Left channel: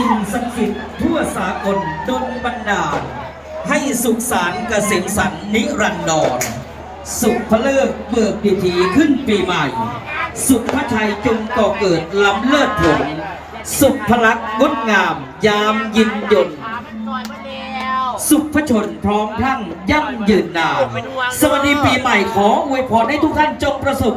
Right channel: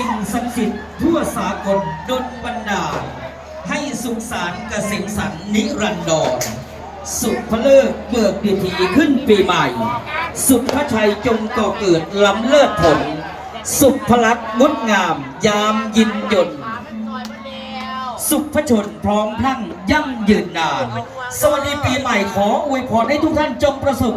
สิ่งศักดิ์สิทธิ์ทั่วสากลดลบันดาลให้สุขสารเกษมสันนิรันดร สุภเลิกเบิกพิธีขึ้นปีใหม่ สุภชัยจงก่อเกิดล้ำเลิศผล สุภลักงดงาม ยามยินยนต์สุภชนพร้อมพรั่งยั่งยืนนานสวัสดีปีใหม่ขออวยพรให้ทุกท่านจงประสบ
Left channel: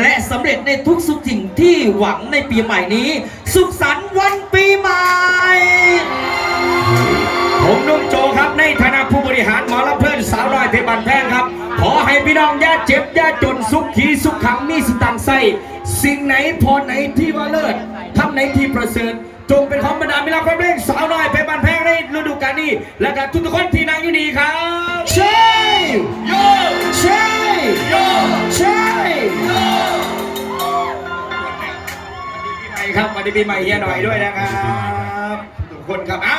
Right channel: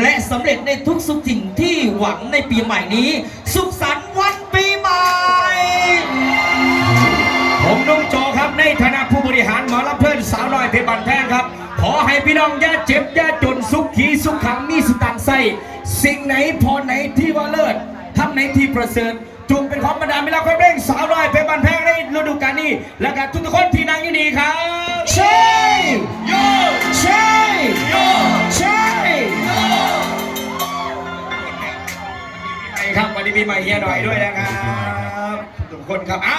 และสำเร็จในทุกสุขสิ่งที่หวังในปีใหม่นี้ สุขสันต์วันปีใหม่ พี่น้องย่าเจ็บย่าจนสุขขีสุขขังมีสตังค์ใส่สิ่งไหนพอไหนที่ว่าเลิศทำไหนที่ประเสริฐจงเป็นของบรรดามิลาความเร่งสาวน้อยเพชรบันแพงในฤดูกาลนี้ และกับทุกคนที่นั่งอยู่ดีครับใช่โยใช่โยใช่ครับวันนี้ปีใหม่เฮียหน่อยด้วยนะครับทุกคนครับเอ้า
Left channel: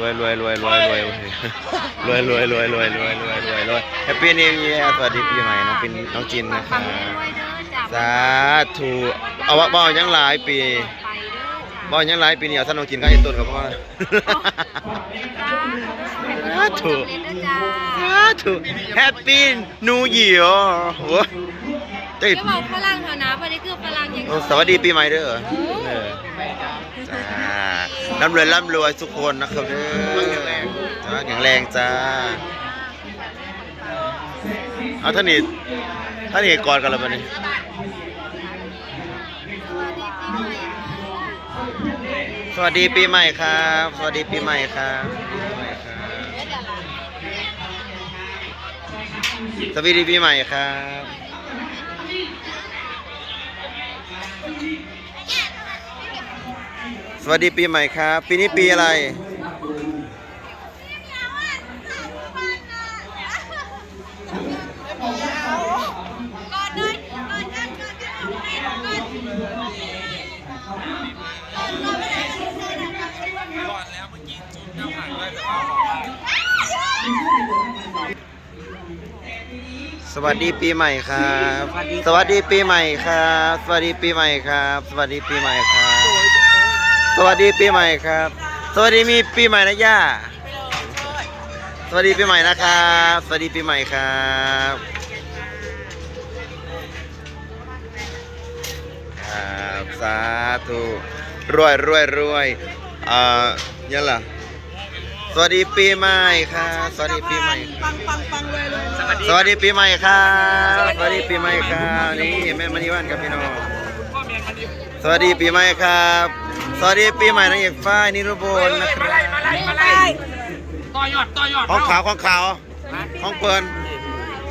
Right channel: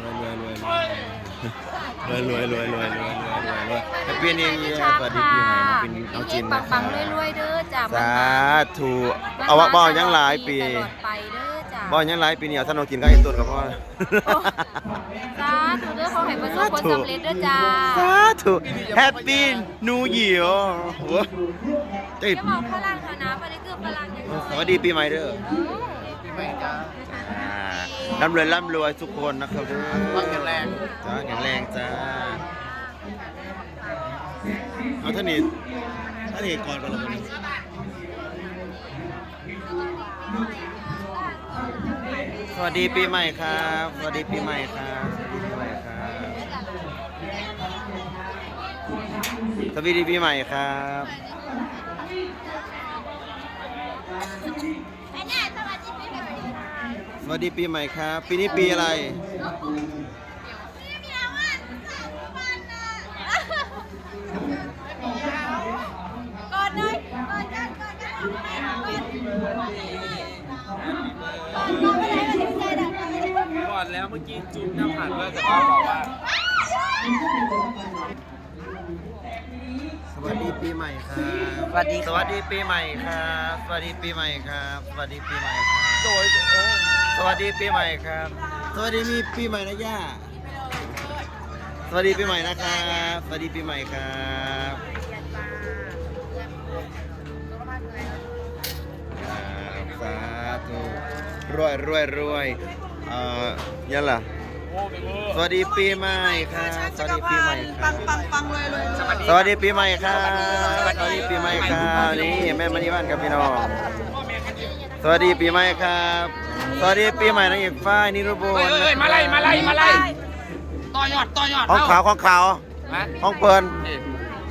รวยรวยรวยรวยรวยรวยรวยรวยรวยรวยรวยรวยรวยรวยแฮปปี้นิวเยียร์สวัสดีปีใหม่น้องเป็นน้องจินนะครับด้วยเด้อจ้ะสาธุเอาว่าบ่เอายังหลายปีไปเด้อจ้ะบ่เอายังหลายปีนี่เอาท่านน้องจินก็ให้ต้นกับพ่อสาธุเด้อเขาเห็นประสบความสำเร็จเด้อจ้าสาธุแฮปปี้นิวเยียร์โอ้เอ้ยจะบอกพลังเถอะนะวันนี้คือพลังอย่างโอ้สวัสดีปีใหม่เด้อเออจ้า ร่ำรวยร่ำรวยทุกคนนะครับเด้อจ้าแข็งแรงจ้า เอาท่านนี่ท่านนี่กอดกันแล้วบัดนี้สวัสดีปีใหม่ครับ สวัสดีปีใหม่ครับสวัสดีปีใหม่ครับสวัสดีปีใหม่ครับ วัสดีปีใหม่ครับ ปีนี้ปีอะไร ก่อนเลยก่อนกันก่อนกันสวัสดีปีใหม่ครับสวัสดีสวัสดีปีใหม่ครับ สวัสดีปีใหม่ครับ สวัสดีปีใหม่ครับ สวัสดีปีใหม่ครับ สวัสดีมีปีใหม่นะย่า สวัสดีปีใหม่นะครับ สวัสดีปีใหม่ครับครับสาธุรวยรวยรวยอ่ายันล่ะสวัสดีปีใหม่ครับ สวัสดีปีใหม่ครับปังปังเลยเลยเลยสวัสดีปีใหม่ครับ สวัสดีปีใหม่ครับ นี่แม่มณีวันครับพี่น้อง สวัสดีปีใหม่ครับ สวัสดีปีใหม่นางเอกฝ้ายนิรุบลนะครับต่อยอดต่อยอดห้องขาวห้องขาวห้องเปิล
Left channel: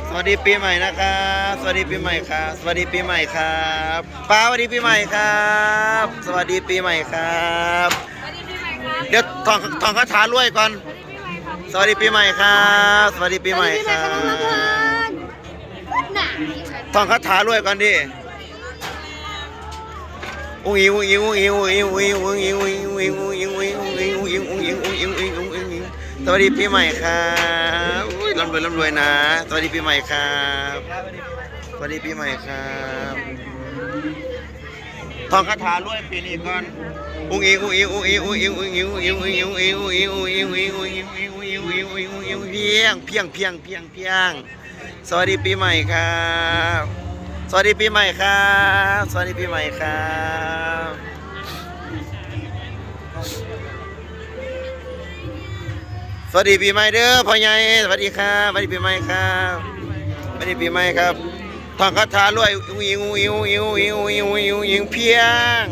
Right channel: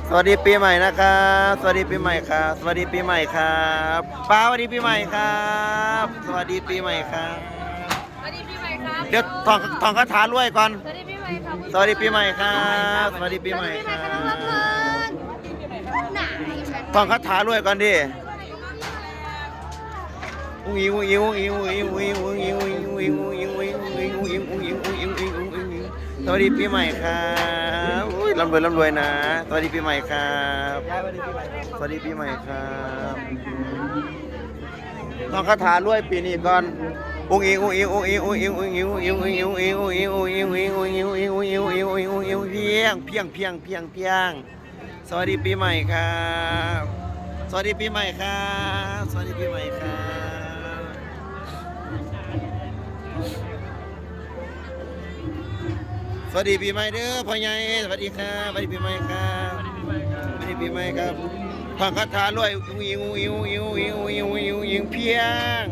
สวัสดีปีใหม่นะครับสวัสดีปีใหม่ครับ สวัสดีปีใหม่ครับป้าสวัสดีปีใหม่ครับ สวัสดีปีใหม่ครับ สวัสดีปีใหม่ครับเดี๋ยวทองทองคาถารวยก่อน สวัสดีปีใหม่ครับสวัสดีปีใหม่ครับ สวัสดีปีใหม่ครับหนาทองคาถารวยก่อนดิ อุ้งอิงอุ้งอิงอุ้งอิงอุ้งอิงอุ้งอิงอุ้งอิงอุ้งอิงอุ้งอิงอุ้งอิงอุ้งอิงอุ้งอิงอุ้งอิงอุ้งอิงอุ้งอิงอุ้งอิงสวัสดีปีใหม่ครับอุ้ยร่ำรวยร่ำรวยนะ สวัสดีปีใหม่ครับ สวัสดีปีใหม่ครับทองคาถารวยปีนี้ก่อนอุ้งอิงอุ้งอิงอุ้งอิงอุ้งอิงอุ้งอิงอุ้งอิงอุ้งอิงอุ้งอิงอุ้งอิงอุ้งอิงอุ้งอิงอุ้งอิงอุ้งอิงอุ้งอิงอุ้งอิงอุ้งอิงอุ้งอิงเพียงเพียงเพียงเพียงเพียงสวัสดีปีใหม่ครับ สวัสดีปีใหม่ครับ สวัสดีปีใหม่ครับสวัสดีปีใหม่เด้อพ่อใหญ่สวัสดีครับสวัสดีปีใหม่ครับสวัสดีปีใหม่ครับทองคาถารวยอุ้งอิงอุ้งอิงอุ้งอิงอุ้งอิงอุ้งอิงอุ้งอิงอุ้งอิงเพียง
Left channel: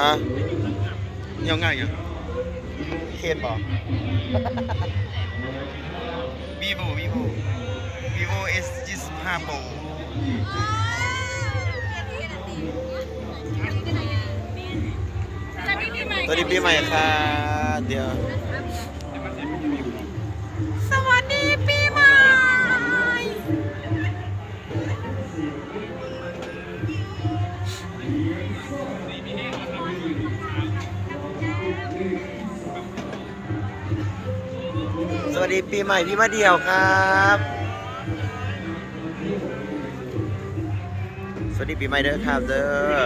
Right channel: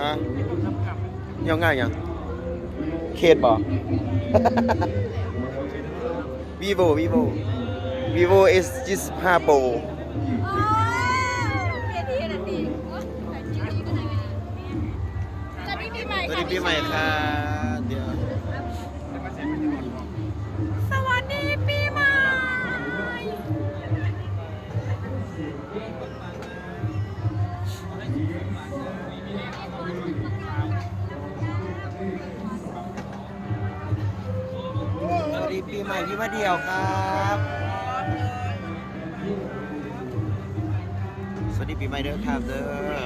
ฮะยังง่ายยังเขตบอก vivo vivo vivo s 25 pro สวัสดีปีใหม่ค่ะ เดี๋ยว สวัสดีปีใหม่ สวัสดีปีใหม่พี่มาเดียวครับ สวัสดีปีใหม่เด้อครับเด้อ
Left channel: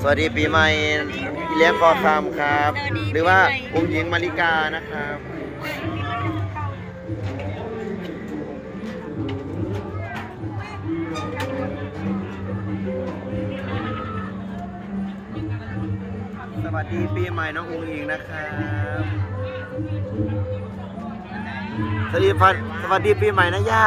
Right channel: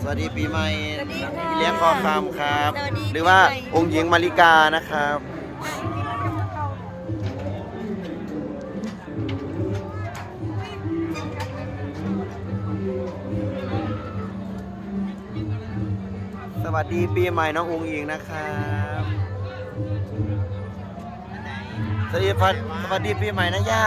สวัสดีปีใหม่เลี้ยงคอคำครับ หรือว่าองค์หญิงมาริกานะครับสวัสดีปีใหม่น้ององค์หญิงนะครับสวัสดีสวัสดีปีใหม่นะย่า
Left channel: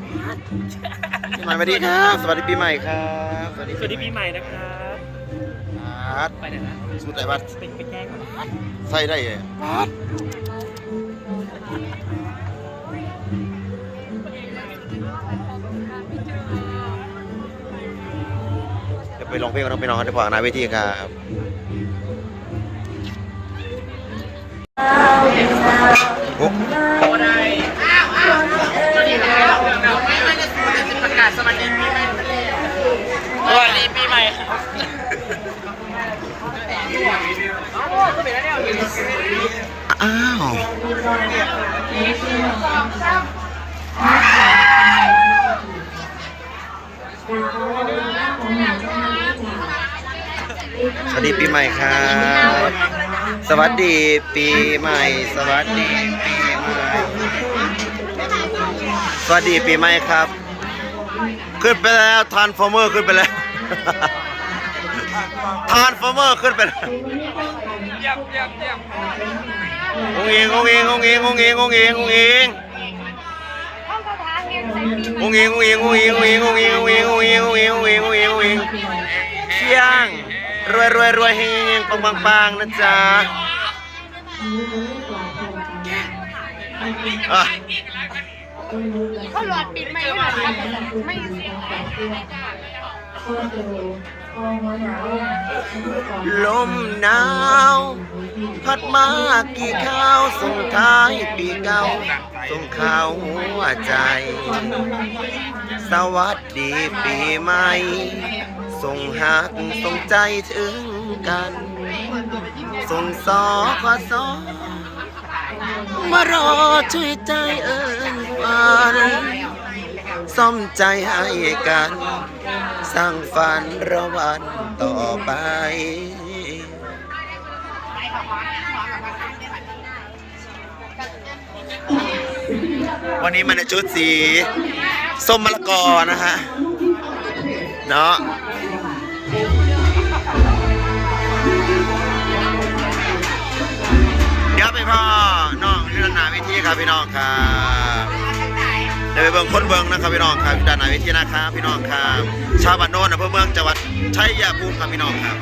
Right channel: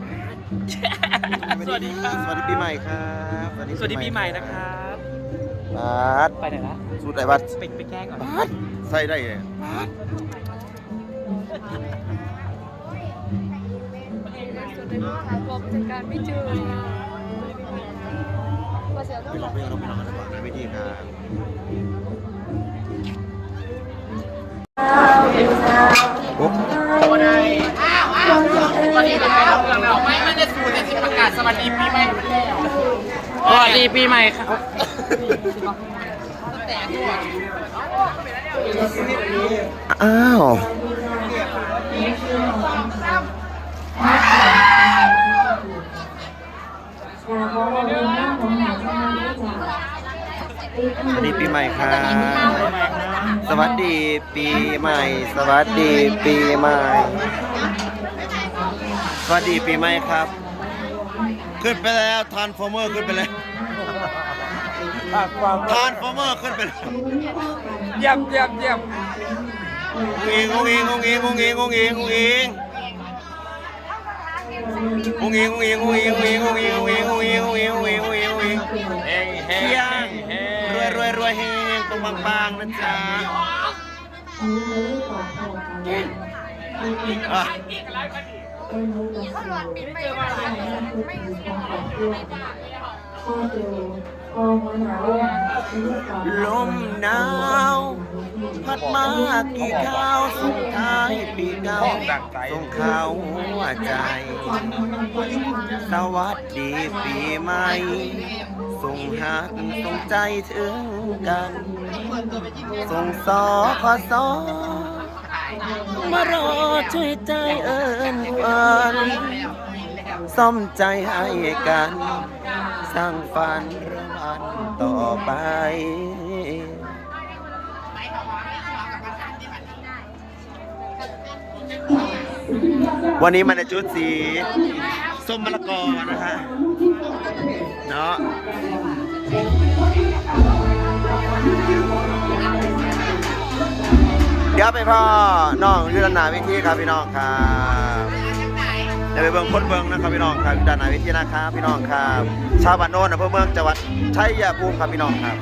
ใหม่สวัสดีครับ สวัสดีปีใหม่ครับสวัสดีปีใหม่นะครับ บัดไปไหนละสุดไหนบัดไปไปแกล้งก่อนใส่ได้เลยเดี๋ยวไปลองเพลงกับน้องไปน้องกันดีกว่าหนาเวทีครับโอ้ สวัสดีปีใหม่ครับอ้าว สวัสดีปีใหม่ครับ สวัสดีปีใหม่ สวัสดีปีใหม่ สวัสดีปีใหม่ครับ ขึ้นไปแล้วทานฟอร์เมอร์ขึ้นไปแล้วทานฟอร์เมอร์ขึ้นไปแล้วเยี่ยมเยี่ยมเยี่ยมงงเองงงเองงงเองงงเองงงเองงงเองงงเองงงเองงงเองงงเองงงเองงงเองงงเองงงเองงงเองงงเองงงเองงงเองเที่ยงรวยรวยรวยเฮงเฮงปังปังปังนะจ๊ะอะลม หนาว พัดมากี่ข้าวส่งท้ายปีเก่าส่งข่าวหัวใจ สวัสดีปีใหม่ส่งหักส่งใจถึงกัน ส่งสอขอสอมารอช่วยใจเอิญฝัน ซ่อมใจให้กัน สร้างฝันระวันต่อไปวันนี้มันในชุดสีส้มมะละกอนะฮะ เนาะเดี๋ยวไปพ่อ น้องยุดานนาวิธีครับพี่น้องครับ ยวไปเบิ่งคนเบิ่งนะครับพี่น้องครับด้านหนาวิธีนะครับพี่น้องครับชาวบ้านโน่นอำเภอเมืองจังหวัดชัยภูมิครับพี่น้องครับ